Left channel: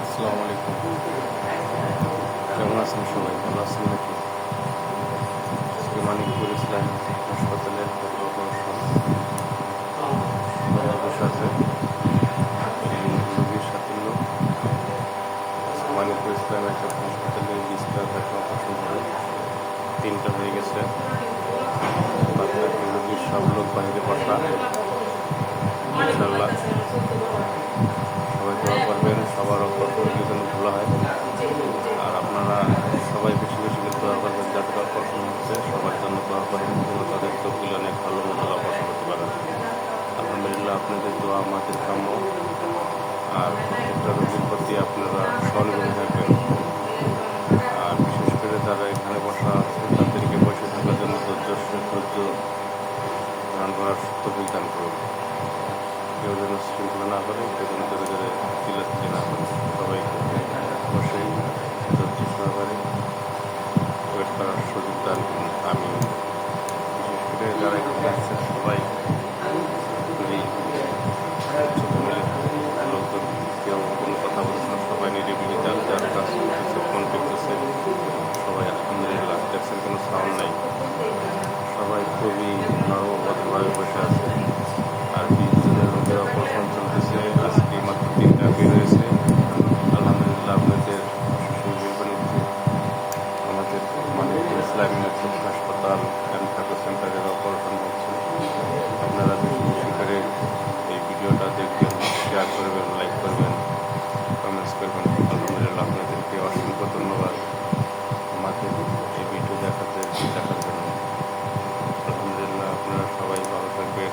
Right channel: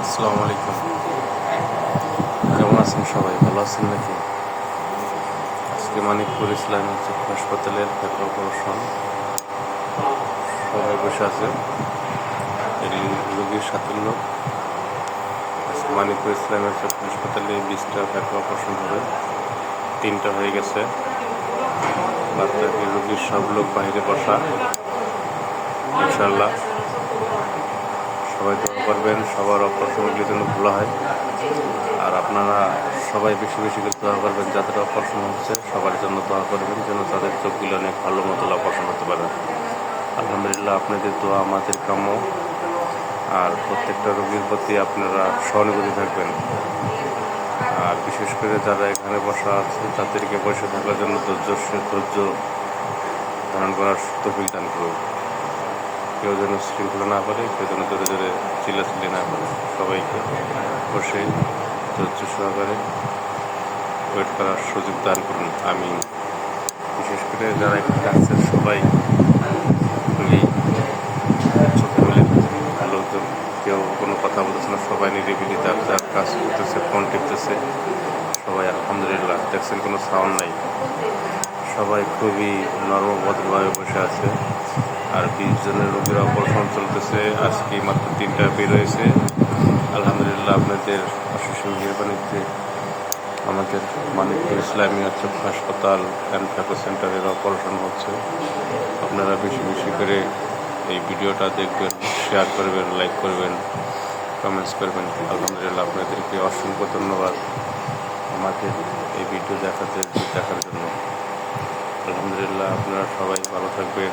আসসালামু আলাইকুম। কেমন আছেন সবাই? ভালো আছেন নাকি? আজকে মানিকপুর ইসলামিক হাসপাতালের একটা অপারেশন, সবাই বসে আছে। রোগীর সাথে লোক। মানিকপুর ইসলামিক হাসপাতালে 20টা ব্যথা অপারেশন হবে, 3টা হয়ে গেছে। বাকি রোগীর সব লোক বাইরে বসা। ইনশাল্লাহ সবাই দোয়া করবেন, সবার অপারেশনের জন্য ভালো হয়। আর আপনারা সবাই বেশি বেশি করে দোয়া করবেন, যাদের অপারেশন হচ্ছে সবার জন্য দোয়া করবেন, যেন তাদের চোখগুলো অনেক ভালো মতো অপারেশন করতে পারেন। আলহামদুলিল্লাহ, আপনাদের দোয়া আমাদের কাম্য। আর প্রত্যেকটা রোগীর প্রতি আপনারা সহানুভূতি থাকবেন। আর বিশেষ করে যারা এখানে বসা আছে তাদেরকে বসে থাকার জন্য ধৈর্য ধারণ করার তৌফিক দান করুন। কেউ যেন শৃঙ্খলা না করে, কেউ যেন জোরে জোরে চিল্লাচিল্লি না করে। সবাইকে বসে ধৈর্য সহকারে ওয়েট করার সুযোগ দান করুন। আমি বিশেষ করে যারা এখানে আছে সবাই চোখে মিলে লোকজন, কেউ কোনো কথা বলছে না, সবাই নিরিবিলি যার যার কাজ করতেছে, ফোন টিপতেছে। সবাই আলহামদুলিল্লাহ, দেখছেন কোনো সাউন্ড নেই। সবাই খুবই নর্মভদ্রভাবে বসে আছে। আর 20 জনের রোগীর অপারেশন চলতেছে। আজকে মাত্র 3টা বের হয়েছে। আলহামদুলিল্লাহ, আপনাদের যে আমাদের মানিকপুর ইসলামিয়া চক্ষু হাসপাতাল অ্যান্ড ফ্যাটো সেন্টারের অপারেশন হচ্ছে। আপনারা বেশি বেশি করে এই ভিডিওটা দেখবেন, শেয়ার করবেন, লাইক করবেন, কমেন্টস করবেন। আলহামদুলিল্লাহ, আপনাদেরকে অসংখ্য ধন্যবাদ আমাকে এই ভিডিও দেখার জন্য। আলহামদুলিল্লাহ, আপনারা সবাই ভালো থাকবেন।